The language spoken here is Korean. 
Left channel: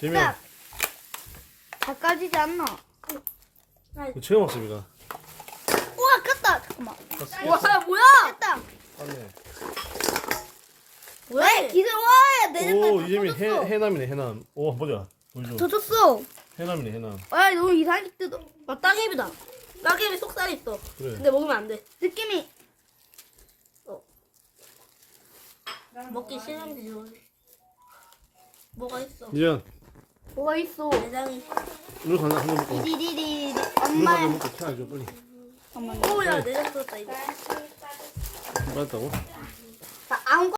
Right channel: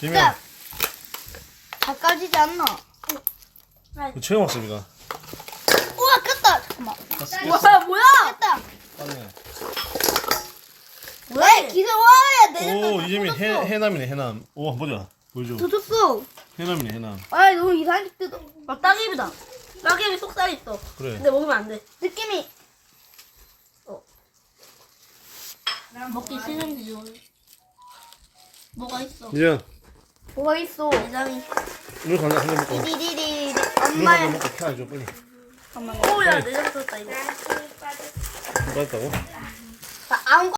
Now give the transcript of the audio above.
재미야. 바꿔지지 않나? 처음 왔어 이거. 우와 꼈다. 잠깐만. 깼어. 뭐야? 꼈다. 맞네. 왜? 기대 와야 내 오 이재민 해남이네 해남. 오 보자. 보여줘. 더 줬어. 해남이네 해남. 아 너무 이상하게 뜯어. 따개비다. 따개비 속살이 있어. 그래. 근데 먹으면 안 돼. 느낌이 먹기 싫은지요. 뭐가 있어? 이제 뭐가 있어? 내장이. 이거 하나 한잔 먹고. 디디디디. 이거 엄마. 한잔 먹고 켜줘 빨리. 잠깐만. 오야 내장 썼다 이거. 받았다고? 안